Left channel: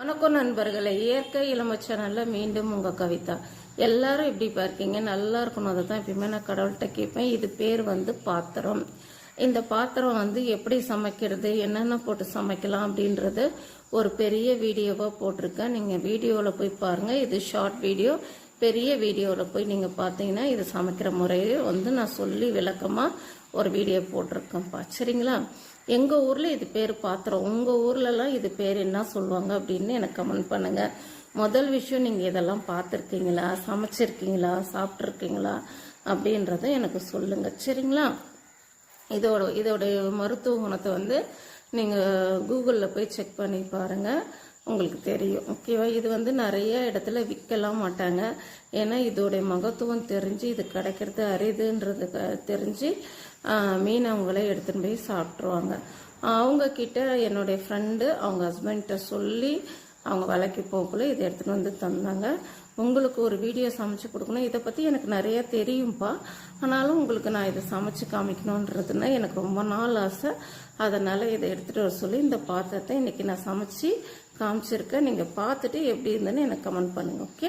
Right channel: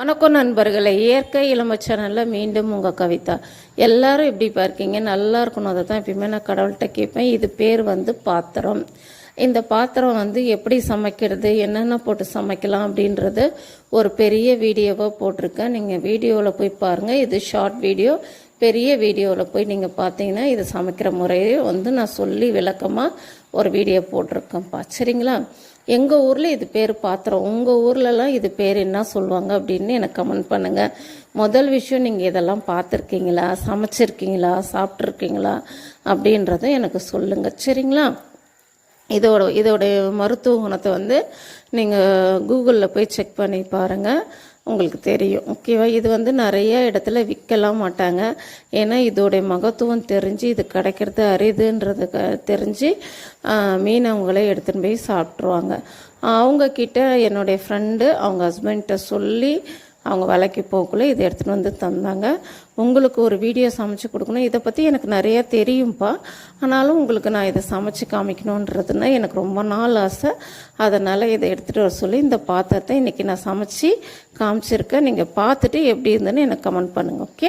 வணக்கம் நண்பர்களே, இயற்கை இளமை சேனலில் மீண்டும் உங்கள் கவிதா. எல்லாரும் எப்படி இருக்கீங்க? நல்லா இருக்கணும். அதை தான் எப்பயுமே நான் கடவுள்கிட்ட கேட்பேன். இது பேர் பாத்திரம். இந்த பாத்திரம் எப்படி சமைக்கிறது, என்னென்ன போட்டு சமைக்கலாம் அப்படின்றது ஒரு பெரிய வீடியோவாக போட்டிருக்கேன். நீங்கள் வீடியோவில் போய் பாருங்கள். இது ஷார்ட் வீடியோ. பெரிய வீடியோவில் போய் நீங்கள் பார்த்தீங்கன்னா இது சமைக்கிற முறையை நான் சொல்லி விளக்கமாக ஒரு வீடியோ போட்டிருக்கேன்ப்பா. சரிங்களா? எங்கள் ஊரில் இது பேர் பாத்திரம். உங்கள் ஊர்லலாம் இது பேர் என்ன சொல்லுவாங்க அப்படின்னு எனக்கு கமெண்ட் பண்ணுங்கள். முதல் விஷயம், நீங்கள் இதெல்லாம் பார்த்துருக்கீங்களா, சமைச்சிருக்கீங்களா, சாப்பிட்ருக்கீங்களா அப்படின்றத எனக்கு சொல்லுங்கள். சரிங்களா? இதோடைய மருத்துவ குணத்தை நீங்கள் கூகுளில் போய் செக் பண்ணி பாருங்கள், உங்களுக்கு தெரியும். ஓகேவா? இது நிறைய இடத்துல விற்கலாம் மாட்டாங்க. ஏன்னா இதோடைய மகத்துவம் தெரிஞ்சு இது கிடைக்கிறது அரிதுன்றது தெரிஞ்சு மீனவங்களே எடுத்துன்னு போய் சாப்பிட்ருவாங்க. அவங்கக்கிட்ட என்னுடைய ஃப்ரெண்டு அவங்க ஹஸ்பண்ட்ட சொல்லி அவங்க வேலைக்கு போகக்குள்ளே இதை எடுத்துகிட்டு தந்தாங்க. உங்களுக்கு ஒரு வீடியோ சமைச்சு கொடுக்கணும். இதை பற்றி எனக்கு நிறையா தெரியும்ப்பா. ஆனாலும் உங்களுக்கு நான் இதை சமைச்சு காமிக்கணுன்றதுன்னா எனக்கு ரொம்ப நாள் ஆசை. அதனால் இதை எடுத்துகிட்டு வர சொல்லி இந்த பாத்திரத்தை இன்றைக்கி நான் சமைச்சு காமிச்சிருக்கேன். நீங்கள் பார்த்துட்டு எப்படி இருந்ததுன்னு எனக்கு கமெண்ட் பண்ணுங்கள். ஓகே?